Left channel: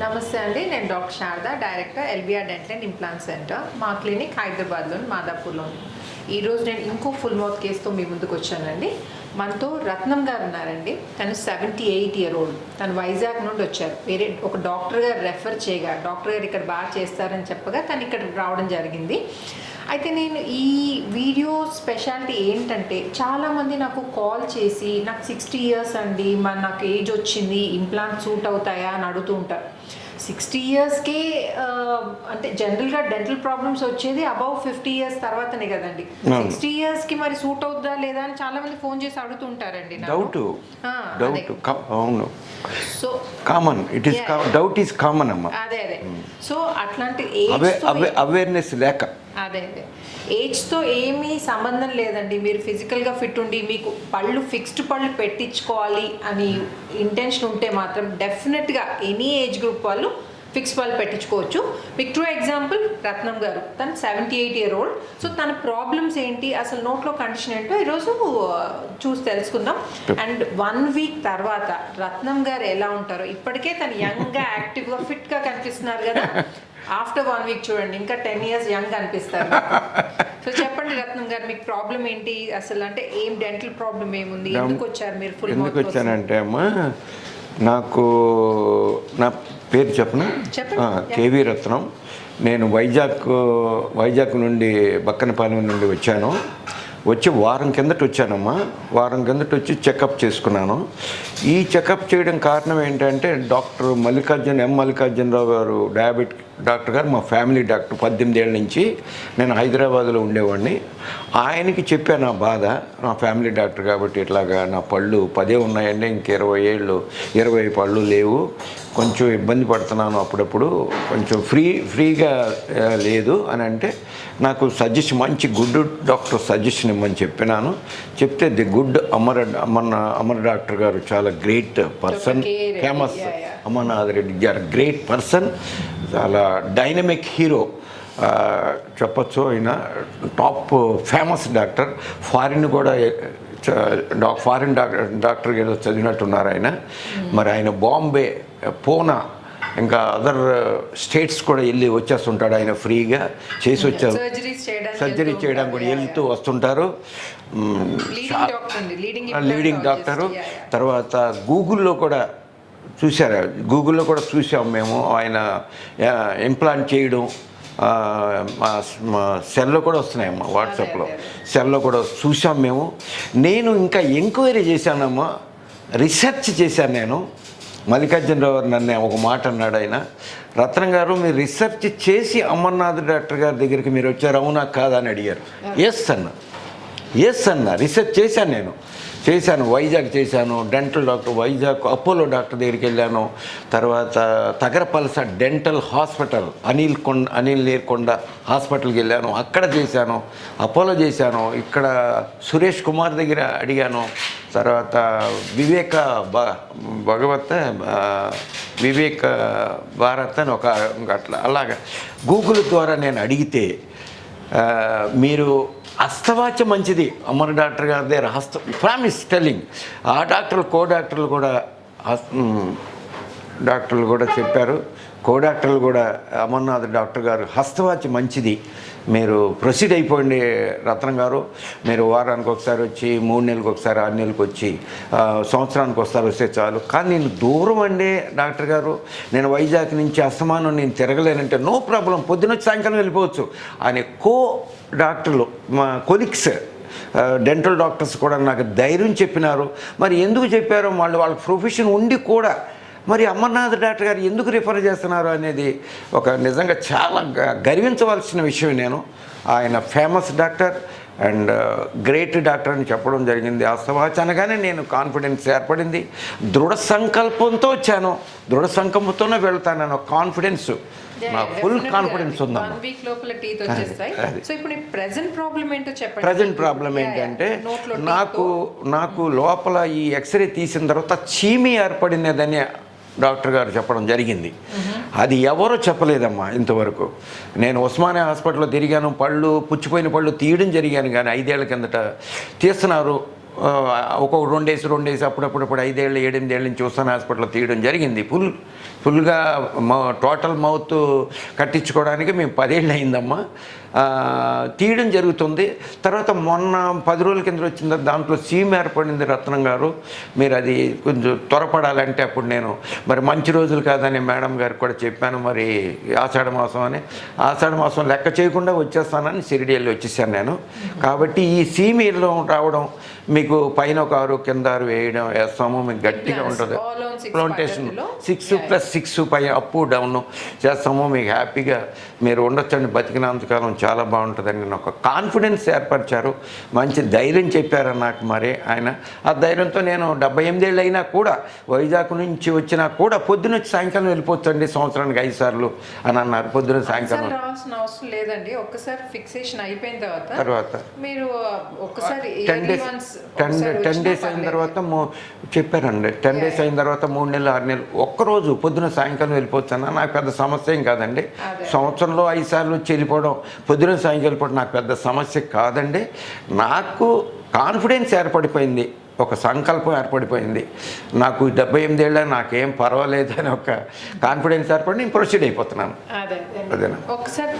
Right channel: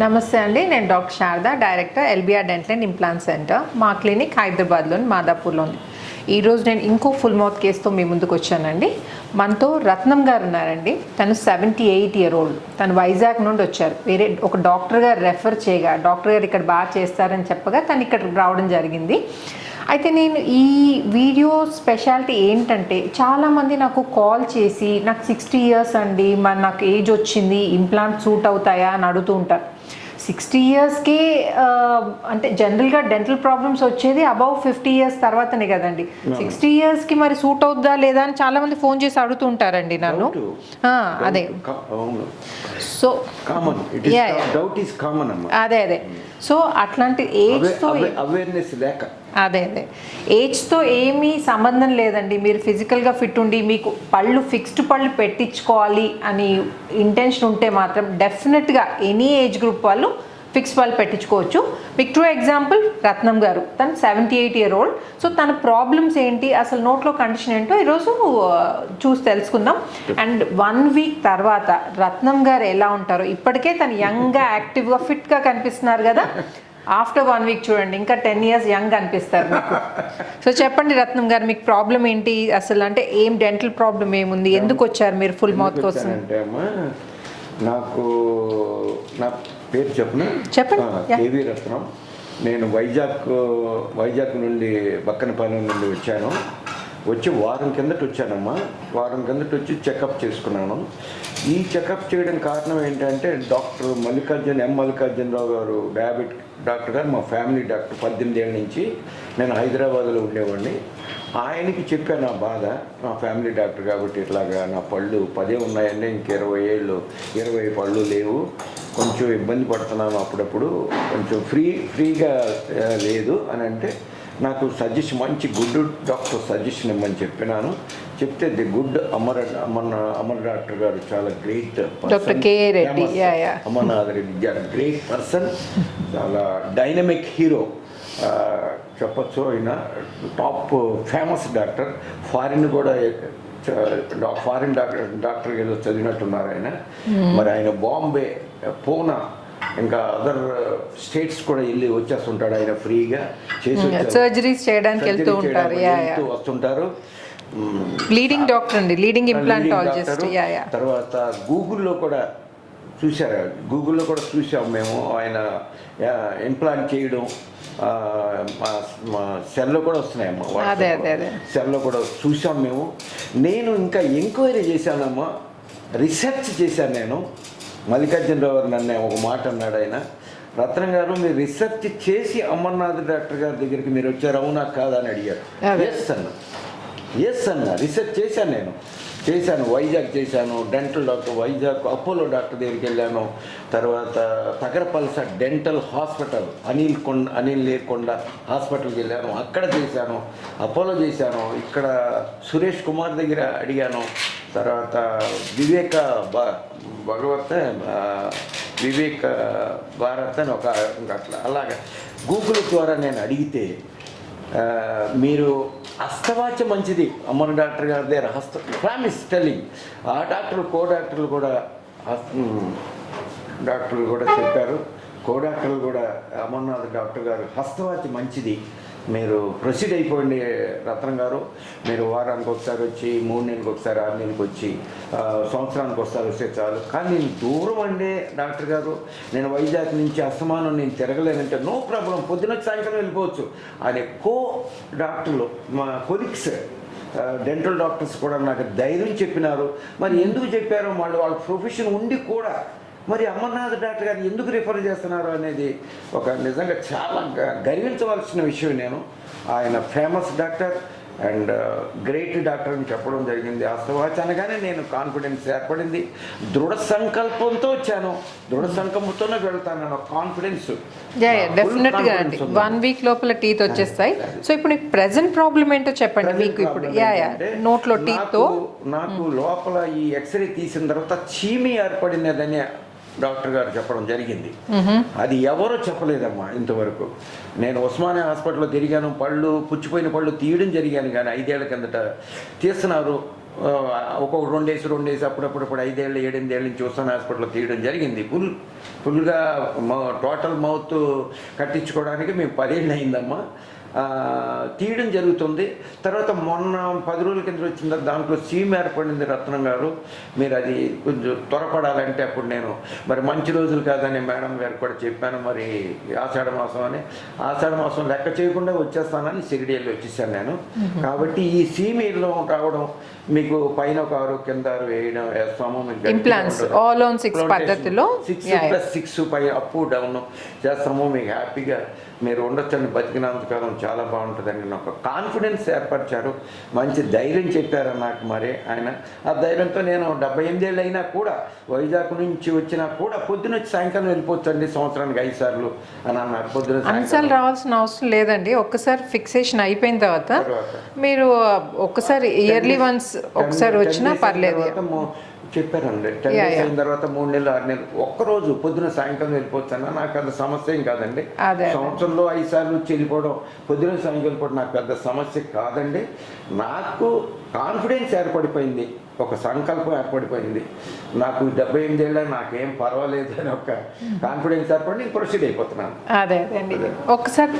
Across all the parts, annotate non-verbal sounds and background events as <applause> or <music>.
నమస్తే అండి. నేను doctor Sharada director LBR dental and implant centre మా క్లినిక్ హైదరాబాద్లోని మాదాపూర్లోని. ఈరోజు నేను ఇంకో ఫుల్ మౌత్ కేసుతో మీ ముందుకు వచ్చానండి. మనతో రత్నం గారు ఉన్నారండి. తను సెవెంటీ ఎయిట్ ఇయర్ ఓల్డ్. తను వైజాగ్ నుండి వచ్చారు. వేరే ఒక డాక్టర్ గారు రెఫర్ చేయగా డాక్టర్ గారు ఇక్కడ బాగా చేస్తారని చెప్పగా తను ఇక్కడ రావడం జరిగింది. అయితే నేను ఈ వీడియో స్పెషాలిటీ ఏంటంటే చాలామంది నాకు కాల్ చేసి నాకు సిక్స్టీ ఇయర్స్ అండి మరి నాకు ఏజ్ వచ్చింది ఇంప్లాంట్ సూట్ అవుతాయా? అని అడుగుతూ ఉంటారు. సిక్స్టీ ఇయర్స్కి అంటే జనరల్గా డెంటల్ ప్రాబ్లమ్స్ వచ్చేది అబౌవ్ ఫిఫ్టీ ఇయర్స్ తర్వాతనే కదండి. సిక్స్టీ ఇయర్స్కి మరి సూట్ అవుద్దా లేదా అని చాలా మంది ఫోన్ చేసి అడుగుతూ ఉంటారండి నన్ను అదే. అవును. So common it. Doubt is common అమ్మ. అదే అదే. సో అట్లాంటి ఏజ్ అవే అవేర్నెస్ లేక. అదే అదే. ఏజ్తో ఏమీ సంబంధం లేదండి. మీరు ఫిజికల్గా ఫిట్ ఉండి మీకు పళ్ళు ఫిక్స్డ్ పళ్ళు పెట్టించుకోవాలి అని ఇంటెన్షన్ ఉంటే మాత్రం డెఫినెట్గా ఎనీ ఏజ్ గ్రూప్ వాళ్ళు ఫిక్స్ పళ్ళు పెట్టించుకోవచ్చు. మీకు ట్రూ ఎగ్జాంపుల్ రత్నం గారు. తను seventy eight year old. So తన ప్రాబ్లమ్స్ ఏంటి అసలు నోట్లో కండిషన్ ఏంటో ఈరోజు చూసి తెలుసుకుందాం. అండ్ వన్ వీక్ తర్వాత రత్నం గారు ఎలా ఉంటారో ఇప్పటికే తను యంగ్గా యాక్టివ్గా ఫిట్గా కనిపిస్తున్నారు కదా. ఆఫ్టర్ వన్ వీక్ చూడండి ఇంకా టెన్ ఇయర్స్ యంగ్ అనిపిస్తారు. సో <laughs> చెప్పండి రత్నం గారు మీకు ప్రాబ్లం ఏంటి? అసలు అంటే ఏం డెంటల్ ప్రాబ్లం ఏముంది? ఎందుకు వచ్చారు మీరు ఫుల్ మౌత్ వచ్చానంటే అమ్మా నాకు నా పేరు చెప్పను. చెప్పండి. కేవీ రత్నం. నేను వైజాగ్ వైజాగ్ నుండి బక్కనపాలెం నుండి వచ్చాను. వచ్చి వారం కిందట వచ్చానమ్మా. వారం కిందట వచ్చి చెకప్ చేసుకున్నాను. ఈ చెకప్ చేయడం కారణం ఏంటంటే డాక్టర్ మల్లికార్జున్ ఎం మల్లికార్జునరావు గారు డయాబెట్ డాక్టర్ గారు మా ఫ్యామిలీ డాక్టర్ పద్దెనిమిది ఏళ్ళ నుంచి నేను హైదరాబాద్లో ఉండేవాడిని. ఆయనకి చెప్పాను నా బాధ నా ఫ్యామిలీ డాక్టర్ కాబట్టి ఇట్లాగా నా పళ్ళు పదే ఉన్నాయండి ఇంక ఇరవై ఏళ్ళు ఇరవై పళ్ళు లేవు. కొంచెం ఇబ్బంది పడుతున్నాను అప్పుడప్పుడు. కొంచెం ఫ్రీ ఫ్రీగా లేదు అని అంటే నాకు సజెషన్ మంచి గుడ్ డాక్టర్ సజెషన్ ఇమ్మని చెప్పినాను. చెప్తే the good Amar Amar Amar doctor గారు చాలా great person famous. Amarnath Reddy గారు గ్రేట్ పర్సన్ చాలా డైనమిక్ హీరో చెప్పచ్చు ఆయన. టాప్ ఫేమస్ డాక్టర్ ఫారిన్ కూడా ఫారిన్ డాక్టర్ డాక్టర్ ఏదో చదివినట్టున్నారు ఆయన. మరి ఆయన బాంబే పూనా ఇంకా అదర్ స్టేట్స్ కూడా వెళ్ళి వచ్చేస్తుంటాడు ఆయన ఫ్రీగా చేసి వచ్చారు. సర్జరీ చేయడానికి వెళ్తూ వస్తుంటారు. లీడింగ్ డాక్టర్ అండి. లీడింగ్ లీడింగ్ డాక్టర్ తర్వాత గూగుల్లో కూడా చూసారా గూగుల్లో కూడా చూసాం మేము. ఆయన ఇంప్లాంట్ చేయడం సెల్లో కూడా వస్తున్నాయి వాట్సాప్లో అదే. సెల్లో కూడా చూసాం మేము. నేను ఇంకా ఎంక్వైరీ చేశానమ్మా. రీసెర్చ్ చేశాను నేను. మల్లికార్జునరావు గారు నన్ను ఒక మాట అన్నాడు ఆయన. రత్నం గారు మీరు రీసెర్చ్ చేసి అమర్నాథ్ డాక్టర్ గారి దగ్గరికి మీరు వచ్చారు అవునా కాదా అని అడిగారు. ఎస్ అన్న. ఎస్ అన్న. రీసెర్చ్ చేశాను నేను. చేశాను వైజాగ్ చేశాను dental doctor Vizag Apollo doctor దగ్గరికి వెళ్ళాను. తర్వాత తగరపలస డెంటల్ హాస్పిటల్ అనిల్ కొండ అనిల్ నీర్కొండ హాస్పిటల్కి వెళ్ళాను. అక్కడ చేశాను అపోలో చేశాను. ఇక్కడ సురేష్ కుమార్ దగ్గర అడిగాను. తర్వాత వివేక భ భగవత్ వివేక భారత్ అని ఒక అట్లా. అలాగా. గూగుల్ ద్వారా నేను అడిగితే మీరు హస్తవాచ మంచిది. అమర్ డాక్టర్ గారిదే హస్త ప్రామిస్ టెల్లింగ్. ఆ డాక్టర్లు కో డాక్టర్లు కూడా డాక్టర్లు కూడా చెప్పారు. కో డాక్టర్లు కూడా అమర్నాథ్ డాక్టర్ గారు హస్తవాచి మంచిది. మీరు ప్రొసీడ్ అయిపోండి రత్నం గారు. మీరు వారానికి ఒకసారి వచ్చి మూడు నెలలకు ఒకసారి ఆరు నెలలకు వచ్చి సంవత్సరానికి ఒకసారి వస్తే చాలు. కానీ నేను దూరం అండి డాక్టర్ గారు. నేను వైజాగ్ నుంచి అస్తమానం నేను తిరగలేనంటే నో ప్రాబ్లం. పొద్దున సాయంకాలం వెళ్ళిపోవచ్చు. అనే కో డాక్టర్లు మా కొలిక్స్ డెంటల్ డాక్టర్స్ కూడా నాకు ధైర్యం చెప్పినారు. మరి ఎందుకు చెప్పారో వాళ్ళు వాళ్ళ ప్రొఫెషన్ ఉండి కూడా మరి అమర్నాథ్ డాక్టర్ గారు ఎందుకు రిఫర్ చేస్తున్నారు అనేది ఒక నిజంగా చాలా గర్వించవలసిన విషయం నేను. ఆయన famous doctor and great doctor అని చెప్పడం జరిగింది. వాస్తవాచనగానే నేను కాన్ఫిడెన్స్ ఏర్పడింది. దృఢ సంకల్పంతో వచ్చాను. దృఢ సంకల్పంతోనే వెళ్తాను కాన్ఫిడెన్స్ వన్ వీక్ లోపల టీత్ వచ్చేస్తాయి. సో ఇప్పుడు ప్రెసెంట్ ప్రాబ్లం ఏంటో చెప్పండి. ప్రజెంట్ మీకు ప్రాబ్లం. ఏంటంటే నాకు నాకు లోపల ఈ ఎక్స్రే తీసిన తర్వాత చీమి ఏర్పడినదని డాక్టర్ గారు చెప్పడం జరిగింది. అది ఎవరో చెప్పలేదమ్మా ఇంతవరకు. నేను ఉస్మానియా హాస్పిటల్లో తిరిగాను పళ్ళు పుచ్చిపోయిన పళ్ళు తీయడం జరిగాను కానీ ఐదేళ్ళ కిందట తీస్తున్నారు. ఒక్కొక్క రెండేసి రెండేసి అప్పుడప్పుడు ఇప్పుడు ఐదేళ్ళు ఏడెనిమిదేళ్ళ నుంచి చూస్తాను హాస్పిటల్లో తీయడం జరిగింది. ఫుల్ ఫుల్గా మా టోటల్ మౌత్ కట్టించుకోవడానికి మేము పదేళ్ళు అయిందమ్మా. తీయడం జరుగుతుంది. తర్వాత మొన్న పది రోజుల కింద వచ్చింది దాంట్లో సీమ్ ఏర్పడింది రత్నం గారు. మీరు అది కొంచెం త్వరపడాలంటే అప్పుడు నేను మరి మంచి రోజులు కాదని మేడం గారికి కూడా చెప్పాను మరి ఆషాఢ మాసం అని. ఆషాఢ మాసం లెక్క చేయకుండా వచ్చేస్తానని షిరిడి వెళ్ళి వచ్చేసాను నేను. కాబట్టి ఈ సీమీలో రావడం మీకు పైన ఒక ఆరు కింద ఆరు వేయడం వేస్తాము మీకు గట్టిగా ఉంటుంది. సిక్స్ ప్లస్ సిక్స్ పై అప్ డౌన్ చేస్తాము మీకు హ్యాపీగా మీరు ఉండొచ్చండి బతికినంతకాలం చాలా బాగుంటుందని నేను ఒక కాన్ఫిడెన్స్ ఏర్పరిచారు. మంచి ధైర్యం చెప్పారు నాకు మరి ఆయన. ఆ ధైర్యంతో నేను డెబ్బై ఎనిమిదేళ్ళు అయినా కూడా వైజాగ్ నుంచి వచ్చినా కూడా పొద్దున వచ్చి సాయంకాలం వెళ్ళిపోవచ్చండి సంవత్సరానికి ఐదు సార్లు అని అన్నారు. పొద్దున సాయంకాలం. రావాల్సిన అవసరం లేదండి. ఒక్కసారి ఫిక్సేషన్ అయిపోయిన తర్వాత తర్వాత. మీరు ఒక్కసారి ఇయర్లీ వన్స్ ఒకసారి వచ్చినా పర్లేదు. తర్వాత చెప్పారండి. Ten days. అయిన తర్వాత మూడు నెలలు ఆరు నెలలు ఒక్కరోజు పొద్దున సాయంకాలం వెళ్ళిపోవచ్చు అన్న నాకు పెద్ద సమస్య ఏం కాదండి. సంవత్సరంలో ఐదు సార్లు వచ్చి వెళ్ళిపోవడం పొద్దున సాయంకాలం వెళ్ళిపోవడం నాకు పెద్ద సమస్య కాదండి. నాకు కాన్ఫిడెన్స్ ఏర్పడిపోయింది. ఒక సంకల్పం ఏర్పడిపోయింది. నాకు డెబ్బై ఎనిమిదేళ్ళ నాకేం పర్వాలేదు అని ఒక కాన్ఫిడెన్స్ ఏర్పడి నేను ప్రొసీడ్ అయిపోతున్నాను. అదే. ఒకసారి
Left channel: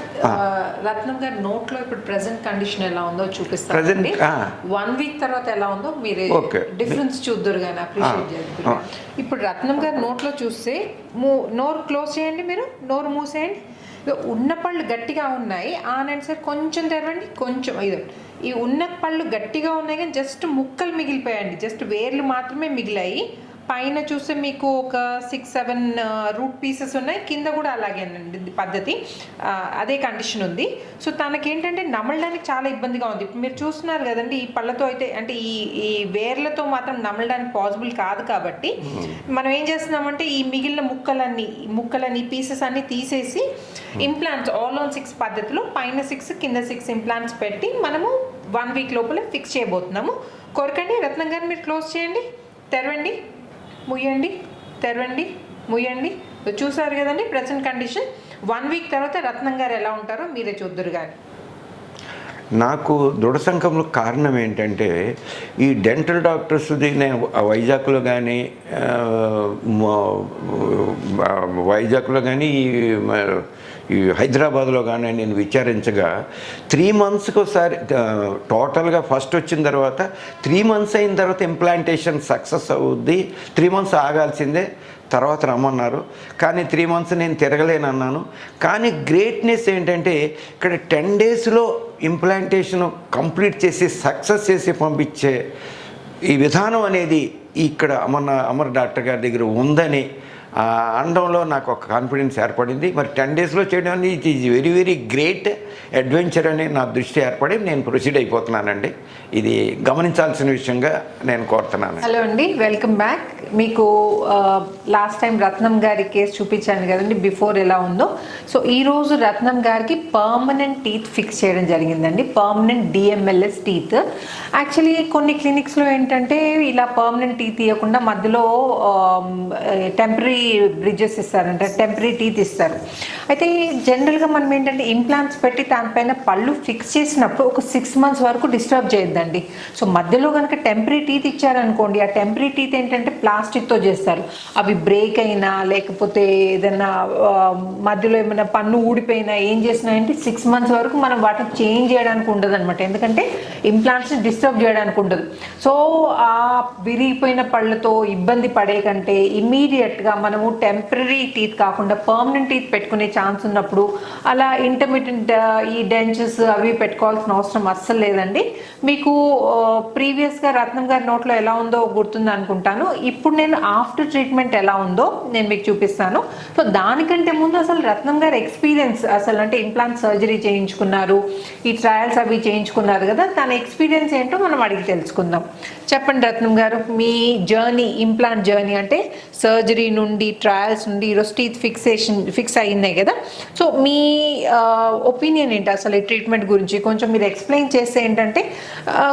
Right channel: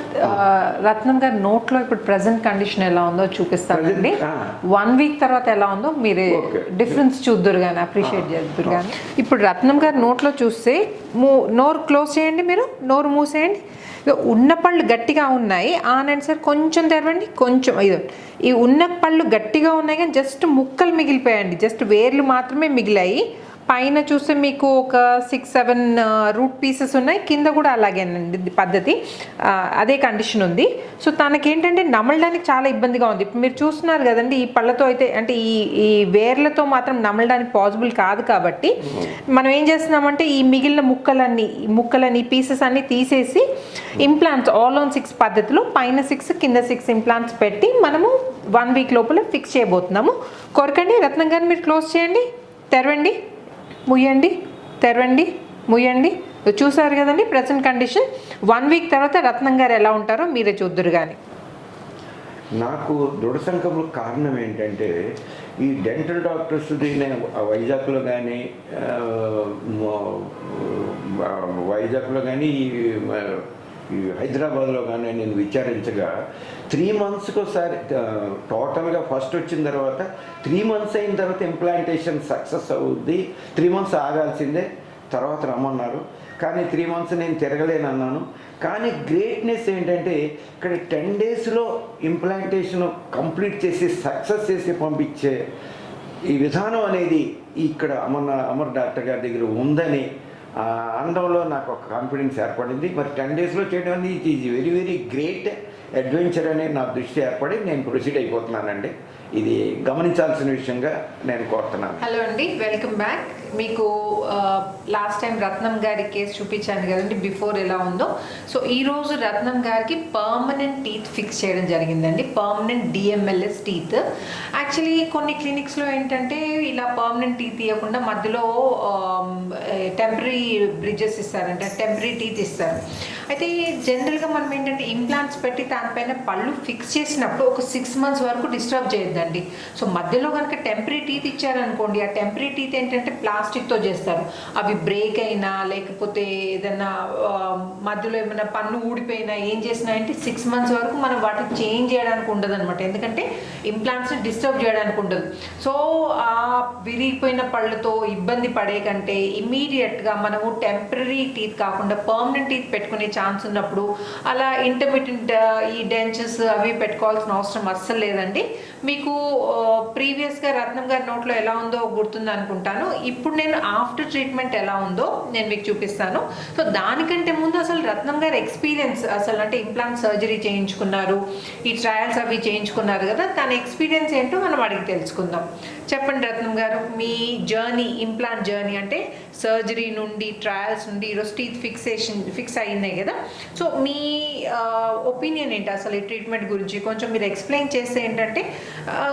రత్నం గారి నోట్లో ఇప్పుడు ప్రెసెంట్ కండిషన్ ఎలా ఉందో ఆ. వన్ వీక్ తర్వాత ఎలా ఉందో మీరు. డిఫరెన్స్ చూద్దరు కానీ అప్రిషియేట్ చేద్దరు కానీ ఇప్పుడు రత్నం గారి నోట్లో చూస్తే నోరు క్లోజ్ చేయండి మీరు నోరు మూసేయండి. ఉన్న పళ్ళు గట్టిగా ఉన్నాయి. ఆనండి సార్ కొంచెం తెరవండి కొంచెం ఇది. ఈ ఉన్న పళ్ళు గట్టిగా ఉన్నాయి కానీ జస్ట్ ముక్కలు మిగిలిపోయాయండి. జస్ట్ వేర్లు మాత్రమే మిగిలాయి. పైన చూస్తే మీకు ఒక సిక్స్ సెవెన్ రూట్ పీసెస్ ఉన్నాయి. కింద కూడా అలాగేనండి పద్ధతి. అదే కండిషన్ ఉంది. సో తనకేంటంటే నమలడానికి చాలా ఇబ్బందిగా ఉంది. ఇప్పుడు మీరు చూస్తున్నారు కదండి ఈ పళ్ళతో అయితే అంటే ఈ ఈ వేర్లతో మాత్రం నమలడానికి పాసిబుల్ కాదు కాబట్టి మనం ఏం చేస్తున్నామంటే ఈ మిగిలిన ముక్కలన్నీ ముక్కలన్నీ పీసెస్ అన్ని తీసేసి ఇంప్లాంట్స్ ఆల్ ఆన్ సిక్స్ పద్ధతిలో పైన సిక్స్ కింద సిక్స్ ఇంప్లాంట్స్ పెట్టి మనము వన్ వీక్ లోపల ఫిక్స్ చేయబోతున్నాము. కొరకండి రత్నం గారిని మీరు క్లోజ్ చేయండి. తెరవండి. ముయ్యండి తెరవండి ముయ్యండి. చూసారు కదండి ప్రజెంట్ కండిషన్ వన్ వీక్ తర్వాత రత్నం గారు ఎలా ఉంటారో మీరే చూద్దరు కానీ నాకు దృఢ సంఘంలో కారణం ఏంటంటే ఈ డెంటల్ డాక్టర్స్ నేను వైజాగ్లో కానీ వైజాగ్లో కానీ ఈ మ- ఈ హైదరాబాద్లో కానీ నేను విచారించగా త్రీ మంత్స్కి ఒకసారి టోటల్గా ఫస్ట్ వచ్చిన తర్వాత త్రీ మంత్స్ అయిన తర్వాత ఇంప్లాంటేషన్ సక్సెస్ అవుద్ది. త్రీ మంత్స్ ఆగాల్సిందే. తర్వాత రమ్మన్నారు. కానీ త్రీ మంత్స్ నేను తిరగలేను అన్నాను. కానీ గ్రేట్నెస్ ఏంటంటే ఇక్కడ టెన్ డేస్లో ఇంప్లాంటేషన్ కంప్లీట్ చేసి సక్సెస్ చేసి పంపించే ఈ విధానం అనేది ఇక్కడ మన అమర్ డాక్టర్ గారి దగ్గర ఉందని అనడంలో నాకు ఒక కాన్ఫిడెన్స్ ఏర్పడింది. మరి టెన్ డేస్లో చేయడం అనేది it is very very great adventure అనేది నా దృష్టి ఏర్పడి నేను ప్రొసీడ్ అయిపోతున్నానండి. ఇది గమనించాల్సిన విషయంగా నేను కోరుతున్నాను. హలో అండి. వెల్కమ్ బ్యాక్ మీకు లాస్ట్ టైం రత్నం గారి కేసు చూపించాను కదండి బిఫోర్ ఎలా ఉందో. సో ఈరోజు రత్నం గారికి పర్మనెంట్ టీత్ ఫిక్స్ చేయడం జరిగిందండి. పర్మనెంట్ డిఎంఎల్ఎస్ టీత్ యాక్చువల్లీ కొన్ని క్లినిక్స్లో ఏంటంటే ఇలా పర్మనెంట్ టీత్ ఇవ్వకుండా మధ్యలో టెంపరీ బ్రిడ్జెస్ ఇస్తారంటే టెంపరీ టీత్ ఇస్తారు. అయితే జనరల్గా మనం ఏంటంటే ఇంప్లాంట్స్ పెట్టి దానిపైన పళ్ళు ఫిక్స్ చేసినప్పుడు ఒక సిక్స్ మంత్స్ వరకు డిస్టర్బ్ చేయొద్దండి. సో మధ్యలో కనుక టెంపరీ టీత్ ఇచ్చారనుకోండి ఆ టెంపరీ టీత్ ఏంటంటే ప్లాస్టిక్తో చేస్తారు. అవి బ్రేక్ అయినా లేకపోతే ఏదైనా మధ్యలో ఏమైనా పన్ను ఊడిపోయినా ఏం చేసినా అంటే సిక్స్ మంత్స్ వరకు మనం వాటిని చేంజ్ చేయడానికి ఉండదు అనమాట ఎందుకంటే ఇంప్లాంట్స్ని డిస్టర్బ్ చేయడానికి ఉండదు. సో ఆ విరిగిపోయిన పళ్ళతో ఇబ్బంది పడే కంటే ఇమీడియట్గా మనము టెంపరీ టీత్ కాకుండా పర్మనెంట్ టీత్ పెట్టుకునే ఛాన్స్ ఉన్నప్పుడు అలా ఇంటర్మీడియట్ ఈ డెంచెస్ అవి పెట్టుకోవాల్సిన అవసరం అస్సలు లేదండి. మీకు ప్రీవియస్గా రత్నం గారి నోట్లో ఎలా ఉందో గుర్తుంది అనుకుంటాను ఇప్పుడు నేను ఆఫ్టర్ ట్రీట్మెంట్ ఎలా ఉందో నేను మీకు చూపిస్తాను. సో దానికంటే ముందు అసలు రత్నం గారి ఎక్స్పీరియన్స్ అసలు అంటే ఇంప్లాంట్ సర్జరీ చేయించుకున్నారు ఈ ట్రయల్స్ అవి చేయించుకున్నారు కదా తన ఎక్స్పీరియన్స్ ఏంటో మనం అడిగి తెలుసుకుందాం. చెప్పండి రత్నం గారు మీ జర్నీ ఇంప్లాంట్ జర్నీ అంటే సర్జరీ నుండి ట్రయల్స్ నుండి ఈరోజు టీత్ ఫిక్సేషన్ ఫిక్స్ అయిందే కదా. సో మీ ఒపీనియన్ ఏంటి అసలు ఈ ట్రీట్మెంట్ గురించి? కొంచెం మీరు ఎక్స్ప్లెయిన్ చేస్తే ఏంటంటే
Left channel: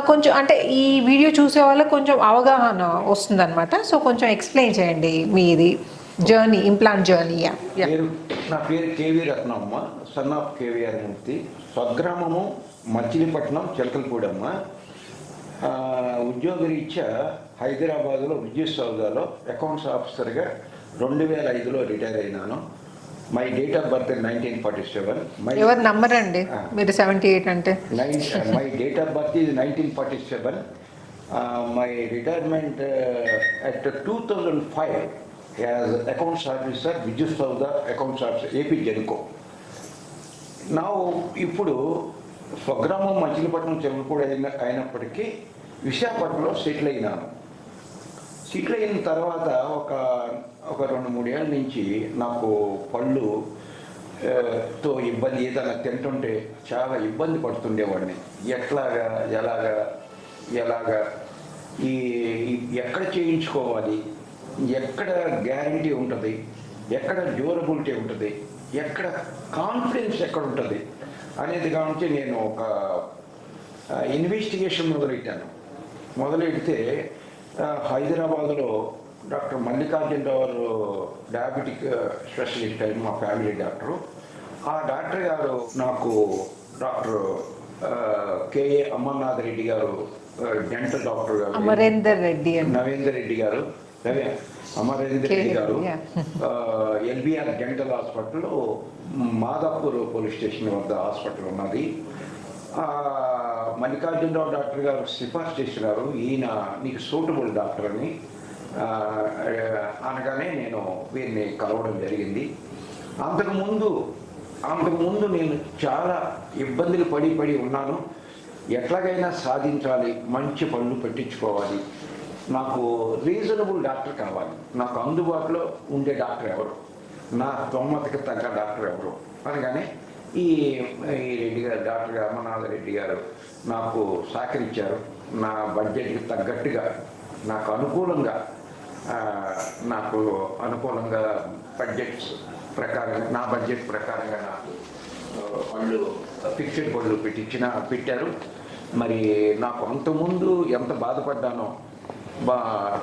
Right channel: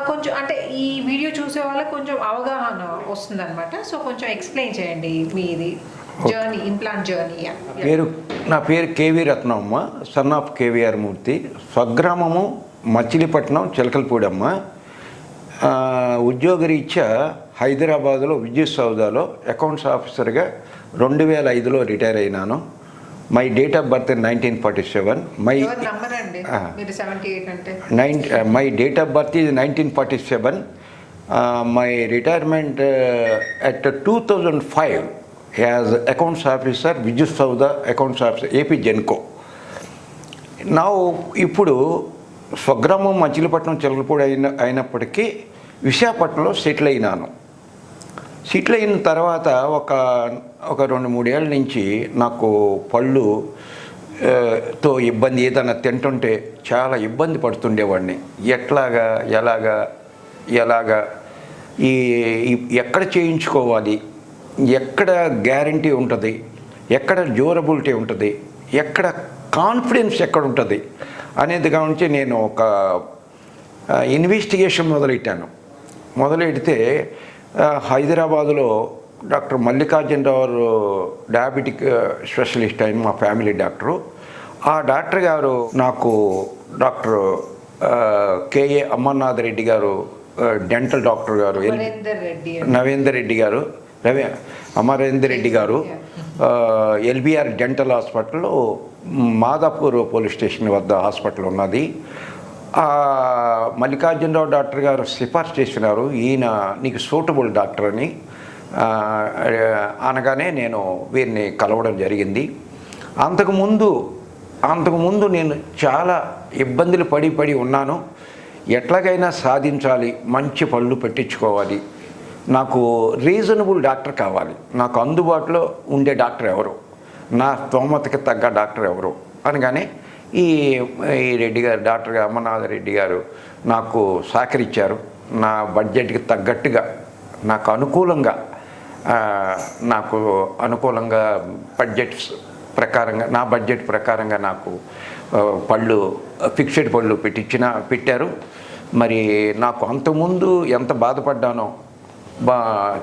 కొంచెం అంటే ఈ వీడియో చూసే వాళ్ళకి కొంచెం అవగాహన వస్తుందన్నమాట. సో కొంచెం ఎక్స్ప్లెయిన్ చేయండి మీది జర్నీ ఇంప్లాంట్ జర్నీ పేరు నా పేరు KV Ratnamma son of KVR Murthy స్వగ్రామము Machilipatnam Chilakalapudi అమ్మ ఆ, ఉద్యోగరీత్యా హైదరాబాద్లో విద్యుత్ సౌదాలో అకౌంట్స్ ఆఫీసర్గా రెండు వేల ఐదులో రిటైర్ అయినాను. My date of birth nineteen forty seven. My number అండి. మీరు సెవెంటీ ఎయిట్ అంటే. Nine my date of birth is nineteen forty seven. My retirement at two thousand five as accounts officer Vidyut Soudha accounts officer AP Genco నా ఇప్పుడు స్వగ్రామం మచిలీపట్నం చెలకపూడి అయిన అయినప్పటికీ విశాఖపట్నంలో settle అయినాను. సెటిల్ అయిన తర్వాత ఒక ఒక రెండు మూడేళ్ళ నుంచి నాకు పళ్ళు తో ఇబ్బంది ఏదైనా తింటుంటే చాలా ఇబ్బంది పడుతుండేవాడిని. ఎట్లాగా ఎలాగా ఎలాగా? ఈ ఎక్కడ చేయించుకోవాలి? ఎక్కడ గ్యారంటీ ఉంటుంది? ఎక్కడ డ్యూరబిలిటీ ఉంటుంది? ఎక్కడ కాన్ఫిడెన్స్ ఎక్కడ ఉంటుంది? అనేది గురించి నేను ఒక ఇన్వెస్టిగేషన్ మొదలెట్టాను. మొదలెడితే హైదరాబాదులో డాక్టర్ మల్లికార్జునరావు డయాబెటిక్ స్పెషలిస్ట్ అయిన మా ఫ్యామిలీ డాక్టరు. ఆ డాక్టర్ గారు నాకు డాక్టర్ కేఏ అమర్నాథ్ రెడ్డి గారు డెంటల్ డాక్టర్ గారు నవేందర్ రెడ్డి గారు Ravi Amarender Reddy garu LBR dental hospital Madhapur police station వద్ద హాస్పిటల్ ఉన్నది. మల్లికార్జునరావు డాక్టర్ గారు సిఫార్సు చేసినారు. ఈయన నీకు సూటబుల్ డాక్టర్ అని. అనగానే నేను వీరిని కలవడం జరిగింది. అంతకుముందు అంతకుముందు నేను చాలా ఇబ్బందులు పడి పడి ఉన్నాను. ఎట్లాగైనా సాధించాలి మంచి పళ్ళు పెట్టించుకోవాలి. నాకు రీజనబుల్ డాక్టర్ కావాలి. నాకు అందుబాటులో ఉండే డాక్టర్ ఎవరు? నా స్తోమతకి తగ్గ డాక్టర్ ఎవరు? అనగానే ఈ ఈ రెడ్డి గారు డాక్టర్ అమర్నాథ్ రెడ్డి గారు నాకు సహకరించారు. నా బడ్జెట్కి తగ్గట్టుగా నాకు అనుకూలంగా నాకు అనుకూలంగా బడ్జెట్స్ ప్రకారంగా నా బడ్జెట్ ప్రకారంగా నాకు పళ్ళు ఫిక్స్డ్ పళ్ళు పెట్టించిన పెట్టారు. మరి నాకు అంతకుముందు ఎంత బాధపడ్డానో బా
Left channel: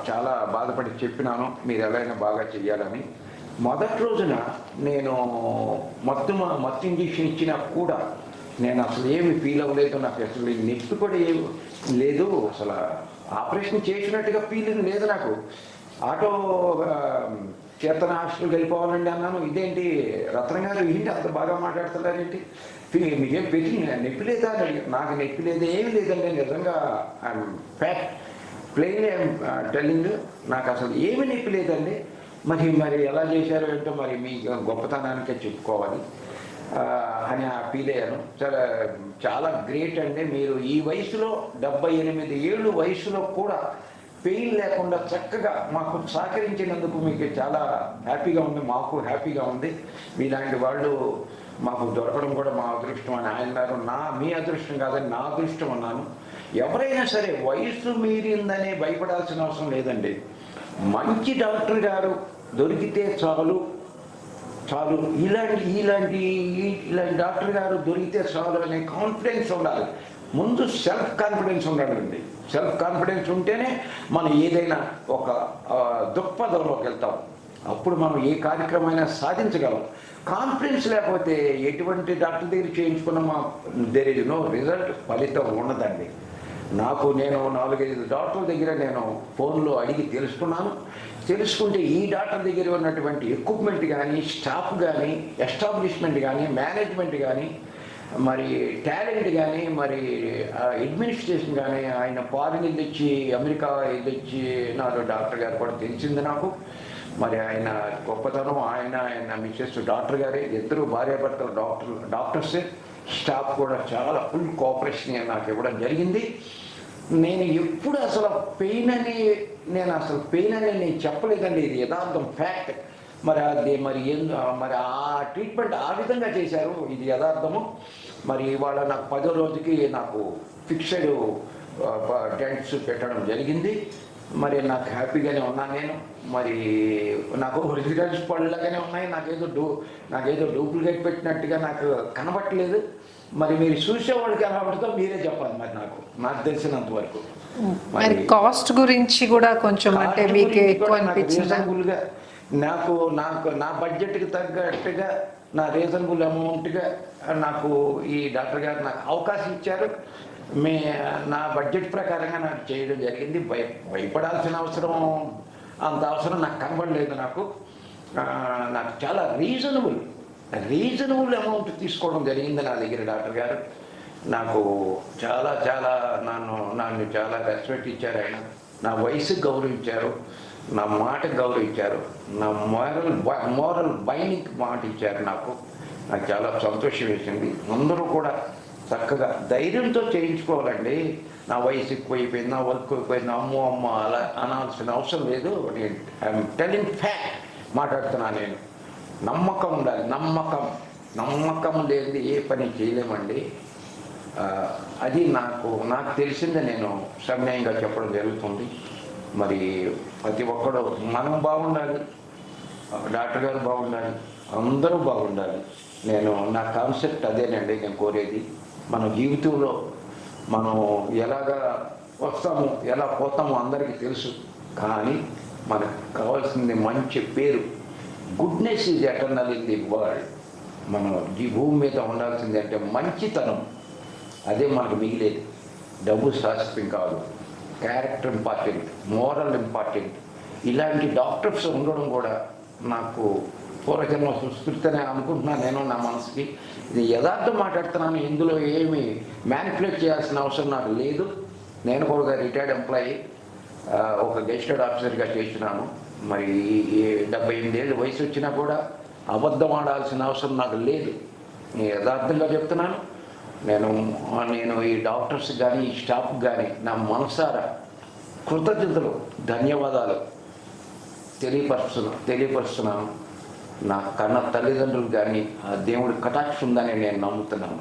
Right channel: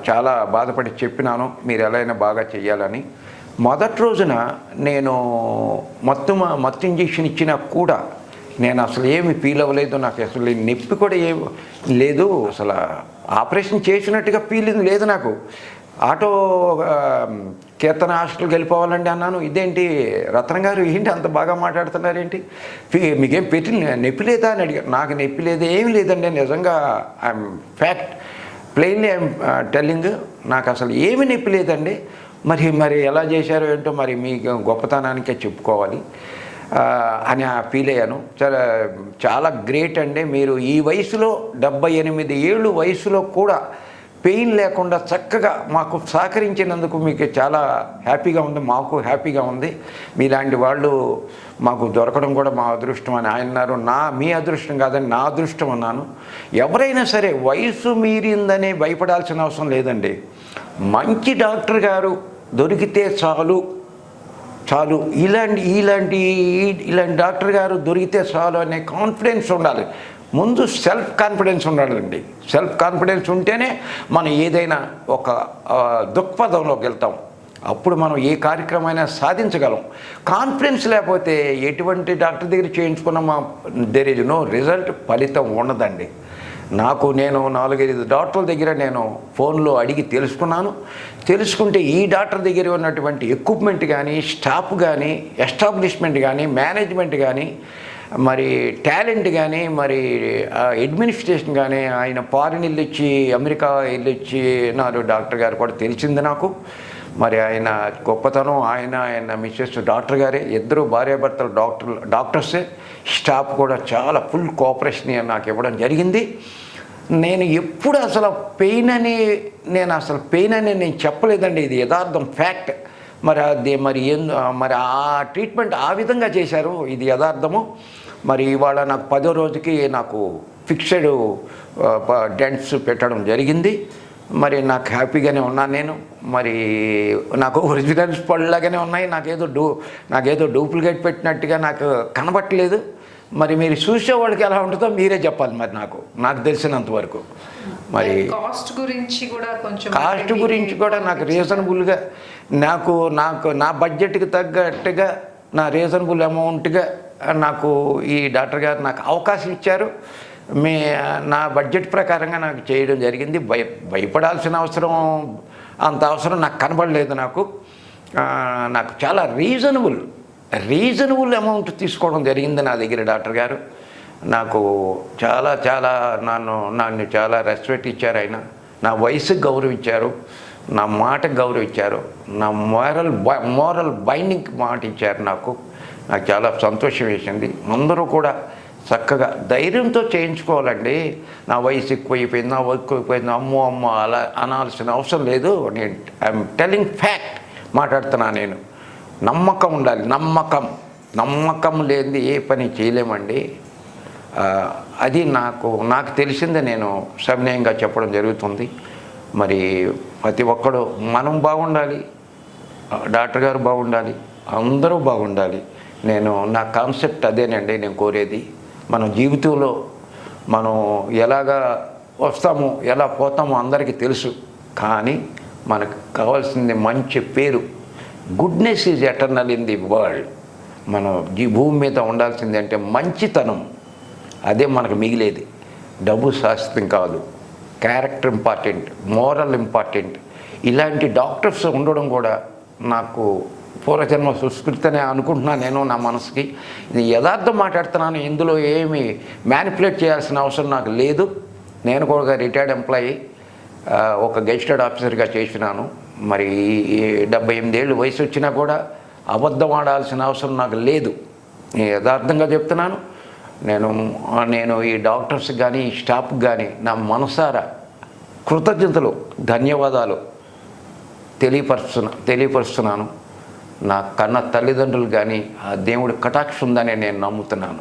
చాలా బాధపడి చెప్పినాను మీరు ఎలా అయినా బాగా చేయాలని మొదటి రోజున నేను మొత్తం మత్తు ఇంజెక్షన్ ఇచ్చినా కూడా నేను అసలు ఏమి ఫీల్ అవ్వలేదు నాకు అసలు నొప్పి కూడా ఏ లేదు అసలు ఆపరేషన్ చేసినట్టుగా ఫీలింగ్ లేదు నాకు. ఆటో కీర్తన హాస్టల్కి వెళ్ళిపోవాలండి అన్నాను. ఇదేంటి రత్న గారు ఏంటి అంత బాగా మాట్లాడుతున్నారేంటి? ఏంటి మీకేం పెట్టి నొప్పి లేదా అని అడిగారు. నాకు నొప్పి లేదు ఏమీ లేదండి. నిజంగా I'm fact plainly I'm telling నాకు అసలు ఏమి నొప్పి లేదండి. మరి మరి ఎలా చేశారో ఏంటో మరి మీ గొప్పతనానికే చెప్పుకోవాలి. అని ఆ ఫీల్ అయ్యాను. చాలా చాలా గ్రేట్ అండి. మీరు ఈ వయసులో డెబ్బై ఎనిమిది ఏళ్ళు వయసులో కూడా పెయిన్ లేకుండా చక్కగా మాకు సహకరించినందుకు మీకు చాలా హ్యాపీగా ఉంది మాకు హ్యాపీగా ఉంది. మీలాంటి వాళ్ళు మాకు దొరకడం కూడా మా అదృష్టం అని ఆయన అన్నారు. నా మీ అదృష్టం కాదని నా అదృష్టం అన్నాను. ఎవరైనా సరే వయసు మీరిందని భయపడాల్సిన అవసరం లేదండి. మంచి డాక్టర్ గారు దొరికితే చాలు చాలు. ఇలాంటి ఇలాంటి ఇలాంటి డాక్టర్ గారు దొరికితే చాలు అనే కాన్ఫిడెన్స్ ఉండాలి. ముందు సెల్ఫ్ కాన్ఫిడెన్స్ ఉండాలండి. సెల్ఫ్ కాన్ఫిడెన్స్ ఉంటేనే మనం ఏదైనా ఒక దృక్పథంలోకి వెళ్తాం. అప్పుడు మనం ఏ కార్యక్రమైనా సాధించగలం. కాన్ఫిడెన్స్ లేకపోతే ఎటువంటి డాక్టర్ దగ్గర చేయించుకున్నా దేర్ ఇస్ నో రిజల్ట్ ఫలితం ఉండదండి. నాకు నేను నాలుగైదు డాక్టర్ల దగ్గర నేను ఫోన్లో అడిగి తెలుసుకున్నాను. తెలుసుకుంటే ఈ డాక్టర్ దగ్గర ఉన్నటువంటి ఎక్విప్మెంట్ కానీ స్టాఫ్ కానీ ఎస్టాబ్లిష్మెంట్ కానీ మేనేజ్మెంట్ కానీ మరి టాలెంట్ కానీ మరి అడ్మినిస్ట్రేషన్ కానీ ఆయన ఫారిన్ వెళ్ళొచ్చి అమెరికా వెళ్ళొచ్చి నాడు డాక్టర్ గారు కూడా తెలిసింది నాకు. మరి ఆయన గొప్పతనం ఆయన ఆయన మిస్సెస్ డాక్టర్ గారే. ఇద్దరు భార్యాభర్తలు డాక్టర్ డాక్టర్సే. స్టాఫ్ కూడా చాలా ఫుల్ కోఆపరేషన్ నాకు ఇవ్వడం జరిగింది. నేను ఎప్పుడు అసలు పెయిన్ అని నేను అసలు పెయిన్ అని నేను చెప్పలేదండి. ఇది యథార్థం ఫ్యాక్ట్. మరి అది మరి ఏం మరి ఆ ట్రీట్మెంట్ ఆ విధంగా చేశారు ఇది యథార్థము. మరి ఇవాళ నాకు పదో రోజుకి నాకు ఫిక్స్డ్ డెంట్స్ పెట్టడం జరిగింది. మరి నాకు హ్యాపీగానే ఉన్నాను నేను. మరి నాకు ఒరిజినల్స్ పళ్ళలాగానే ఉన్నాయి. నాకేదో డూ నాకేదో డూప్లికేట్ పెట్టినట్టుగా నాకు కనబట్టలేదు. మరి మీరు చూసేవాళ్ళకి ఎలా ఉంటుందో మీరే చెప్పాలి మరి నాకు. నాకు తెలిసినంత వరకు. మరి కాస్ట్ గురించి కూడా కొంచెం కాస్ట్ గురించి కూడా నాకు? రీజనబుల్గా నాకు నాకు నా బడ్జెట్కి తగ్గట్టుగా నా రీజనబుల్ అమౌంట్గా నాకు ఈ డాక్టర్ గారు నాకు అవకాశం ఇచ్చారు. మీ నా బడ్జెట్ ప్రకారంగా నాకు చేయడం జరిగింది. భయ భయపడాల్సిన అవసరం అంత అవసరం నాకు కనబడలేదు నాకు. నాకు చాలా రీజనబుల్ రీజనబుల్ అమౌంట్ తీసుకోవడం జరిగింది నా దగ్గర డాక్టర్ గారు. నాకు చాలా చాలా నన్ను నన్ను చాలా రెస్పెక్ట్ ఇచ్చారు ఆయన. నా వయసుకు గౌరవించారు. నా మాటకు గౌరవించారు. నా మోరల్ మోరల్ బైండింగ్ మాట ఇచ్చారు నాకు. నాకు చాలా సంతోషం వేసింది. అందరూ కూడా చక్కగా ధైర్యంతో చేయించుకోవాలండి. నా వయసు ఎక్కువైపోయింది నా వర్క్ అయిపోయింది అమ్మో అమ్మో అలా అనాల్సిన అవసరం లేదు. నేను ఐఎమ్ టెలింగ్ ఫ్యాక్ట్ మాట్లాడుతున్నా నేను. నమ్మకం ఉండాలి. నమ్మకం. నమ్మకం లేనిది ఏ పని చేయలేమండి. అది నాకు నాకు తెలిసిందే నేను సవినయంగా చెప్పడం జరుగుతుంది. మరి ప్రతి ఒక్కడు మనం బాగుండాలి డాక్టర్ గారు బాగుండాలి అందరూ బాగుండాలి. నేను నా కాన్సెప్ట్ అదేనండి నేను కోరేది. మన జీవితంలో మనం ఎలాగా వస్తాము ఎలా పోతామో అందరికీ తెలుసు. కానీ మనకు కావాల్సింది మంచి పేరు. Goodness is eternal in the world. మనం ఈ భూమి మీద ఉండాల్సింది అంటే మంచితనం. అదే మనకు మిగిలేది. డబ్బు శాశ్వతం కాదు. Character important moral important. ఇలాంటి డాక్టర్స్ ఉండడం కూడా నాకు పూర్వజన్మ సుస్కృతనే అనుకుంటున్నాను నేను నా మనసుకి. ఇది యథార్థం మాట్లాడుతున్నాను ఇందులో ఏమి మ్యానిపులేట్ చేయాల్సిన అవసరం నాకు లేదు. నేను కూడా రిటైర్డ్ ఎంప్లాయీ ఒక గెస్టెడ్ ఆఫీసర్గా చేసినాను. మరి ఈ డెబ్బై ఎనిమిదేళ్ళు వయసు వచ్చినా కూడా అబద్ధం ఆడాల్సిన అవసరం నాకు లేదు. నేను యథార్థంగా చెప్తున్నాను. నేను నేను ఈ డాక్టర్స్ కానీ ఈ స్టాఫ్కి కానీ నా మనసారా కృతజ్ఞతలు ధన్యవాదాలు తెలియపరుస్తున్నా తెలియపరుస్తున్నాను. నా కన్న తల్లిదండ్రులు కానీ ఆ దేవుడి కటాక్ష ఉందని నేను నమ్ముతున్నాను.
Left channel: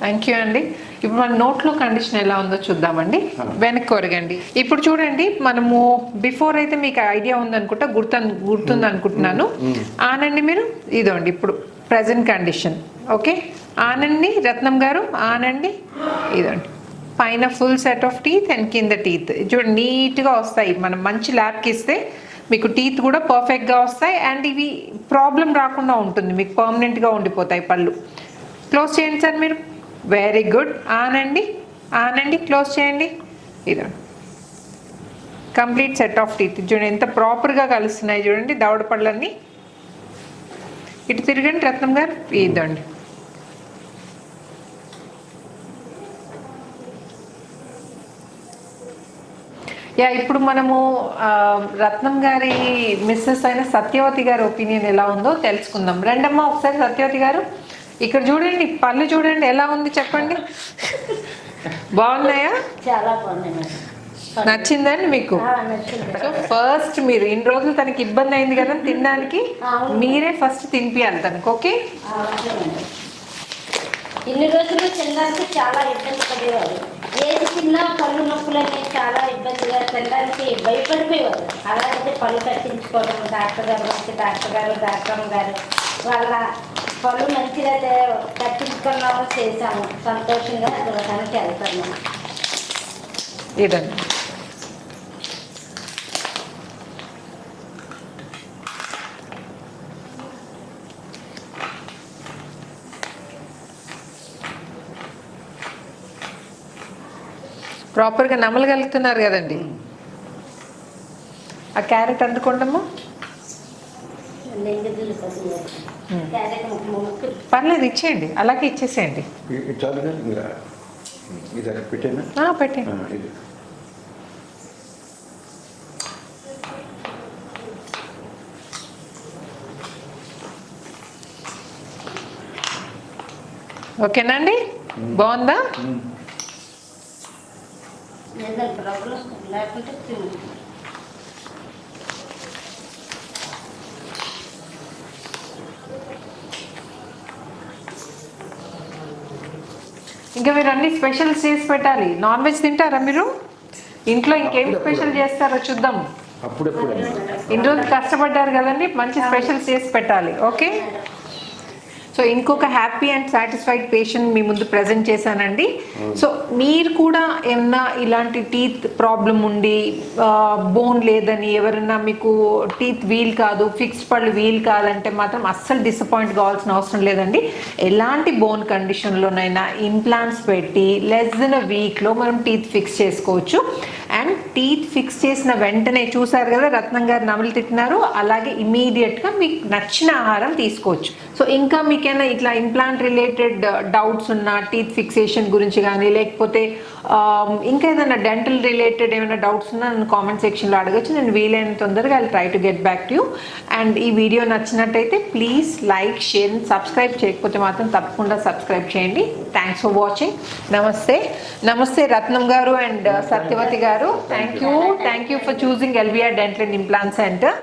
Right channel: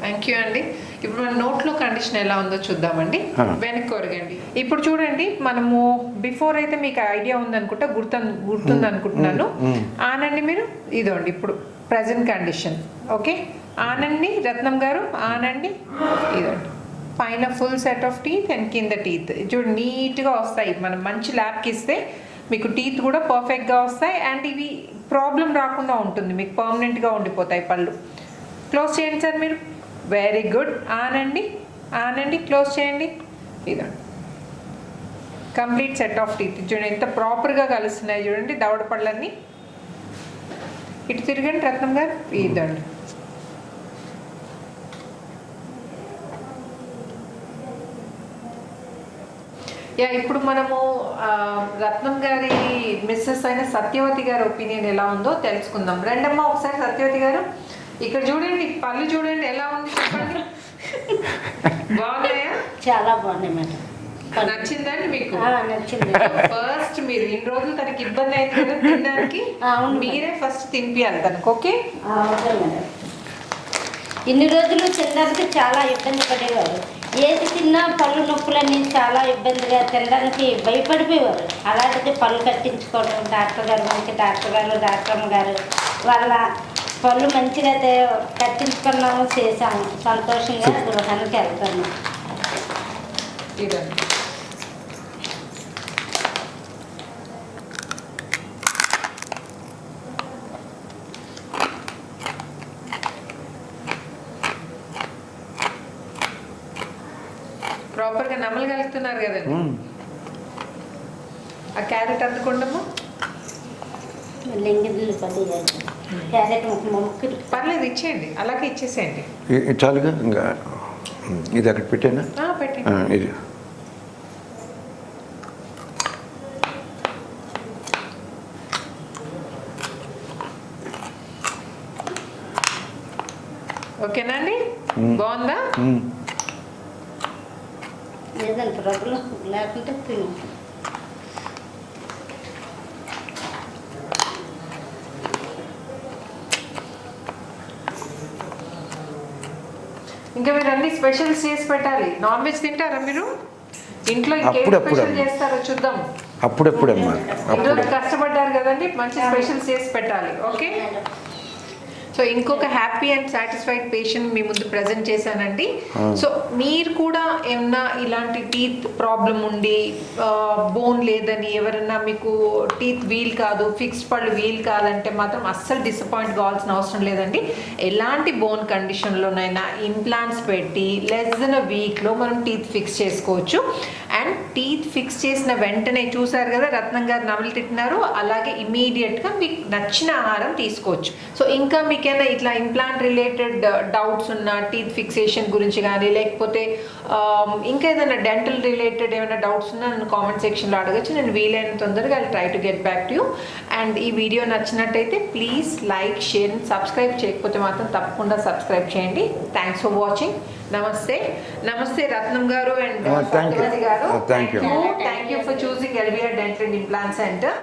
థ్యాంక్ యూ అండి. ఇప్పుడు మన నోట్లో కండిషన్ ఎలా ఉందో చూద్దామండి. వెనక్కి కొరగండి ఇప్పుడు చూడండి మనము బిఫోర్ అయితే మీకు ఐడియా ఉందనుకుంటా గుర్తు గుర్తుంది అనుకుంటున్నాను ఆనండి మీరు? ఇదండి ఇప్పుడు ప్రజెంట్ కండిషన్ ఓకే? ఆనండి రత్నం గారు ఆనండి. ఇదండి. పైన full set of teeth and కింద టీత్ చూడండి నీట్గా వస్తాయి. మనం మంచి ల్యాబ్కి ఇస్తే మీకు టీత్ కూడా పర్ఫెక్ట్గా వస్తాయి. అండ్ ఇవి ప్రాబ్లం రాకుండా ఉంటుంది. మీకు పర్మనెంట్గా ఉండిపోతాయి పళ్ళు. క్లోజ్ చేయండి సార్ మీరు. వెరీ గుడ్ ఆనండి ఆనండి క్లోజ్ చేయండి. ఇదండి. కంప్లీట్ సెట్ ఆఫ్ టీత్ చూడండి ఎంత ప్రాపర్గా కలుస్తున్నాయి చూడండి దవడ పళ్ళన్నీ. ఇటు తిరగండి రత్నం గారు. ఇదండి. యా ఇప్పుడు మనము రత్నం గారి మిస్సెస్ అయిన సత్యవతి గారి ఒపీనియన్ ఎలా ఉందో తెలుసుకుందాం. రండమ్మా ఒకసారి సత్యవతి గారు ఇక్కడ చూడండి పళ్ళు చూడండి ఎలా ఉంది చెప్పండి. బాగున్నాయా? చాలా బాగున్నాయి మేడం. నచ్చిందండి మీకు? ఫస్ట్ మీరు ఇన్ని రోజులు తనకి ఇబ్బంది అయింది కదా తినడానికి. మీరే ఫస్ట్ తినిపియాలి తనకు ఓకే ఇన్ని రోజులు తినడానికి చాలా ఇబ్బంది పడేవారు. ఏది తిన్నా పళ్ళు నొప్పులని చాలా ఇబ్బందిగా తినడానికి భయపడిపోయేవారు. అలాంటిది పళ్ళు కట్టించుకోవడం డాక్టర్ గారు మనకి డాక్టర్ గారు డాక్టర్ గారు వాళ్ళ పళ్ళు మంచిగా కట్టించుకున్నాము చేసాము సంతోషంగా గృహానికి వెళ్తున్నాం. ఇదండి. ప్రాపర్గా నమ్మలగలుగుతున్నారు కదండి. ఆ క్యారెట్ ముక్కు పర్లేదు ఇచ్చేయండి. అలాగే ఇచ్చేసేయండి. ఇది చాలుగా ఇంకా ఇది అక్కడ పెట్టానా? ఆ, పెట్టండి. ఆ, ఇది. ఓకేనండి బాగుందా? ప్రాబ్లం లేకుంటే తిను. ఇంకా మీరు అన్ని స్పెషల్స్ చేసి పెట్టాలి. నాన్ వెజ్ తింటారా మీరు? ఇంట్లో ఇంకేం అప్పుడప్పుడు స్పెషల్. చేస్తారో చూద్దాం. అప్పుడప్పుడమ్మా. ఇన్ని రోజులు కష్టపడ్డారు కదండి? మంచి స్పెషల్స్ చేసి పెట్టాలి. ఓకే? సో ఇంకొక హ్యాపీ అండ్ సాటిస్ఫైడ్ పేషెంట్ మీ ముందు ప్రజెంట్ చేశానండి. సో మీరు కూడా ఏమన్నా ఇలాంటి టీత్ ప్రాబ్లం ఉండి బోన్ లేదని ఎవరన్నా మీకు టీత్ వీల్ కాదు ఫిక్స్డ్ పళ్ళు వీల్ కావాలంటే మాత్రం అస్సలు డిసప్పాయింట్ కావాల్సిన అవసరం లేదండి. ఎలాంటి బోన్ కండిషన్లోనైనా ఇంప్లాంట్స్ పెట్టి లెస్ దెన్ అ వీక్లో మనం టీత్ ఫిక్స్ చేసుకోవచ్చు. అండ్ టీత్ ఫిక్స్ చేసిన వెంటనే చూసారు కదా రత్నం గారు నవలు తిట్టినారు. అలాగే ఇమీడియట్గా మీకు నచ్చిన ఆహారం తీసుకోవచ్చు. సో ఇంకా మీకైనా ఇట్లా ఇంప్లాంట్ రిలేటెడ్ డౌట్స్ ఉన్న టీత్ ఫిక్సేషన్ గురించి కానీ లేకపోతే um, ఇంకా ఏదైనా డెంటల్ రిలేటెడ్ ఏమైనా డౌట్స్ ఉన్నా నన్ను కామెంట్ సెక్షన్లో అడగచ్చు. నేను వీలైన తొందరగా I try to get back to you and ఈ వీడియో నచ్చినట్టయితే ప్లీజ్ లైక్ షేర్ సబ్స్క్రైబ్ చేయకపోతే మాత్రం తప్పకుండా సబ్స్క్రైబ్ చేయండి. థ్యాంక్స్ ఫర్ వాచింగ్ నమస్తే. నమస్తే రత్నం గారు and Uh. Satyavathi garu. Uh, thank thank you. You thank you for choosing LBR dental and implant centre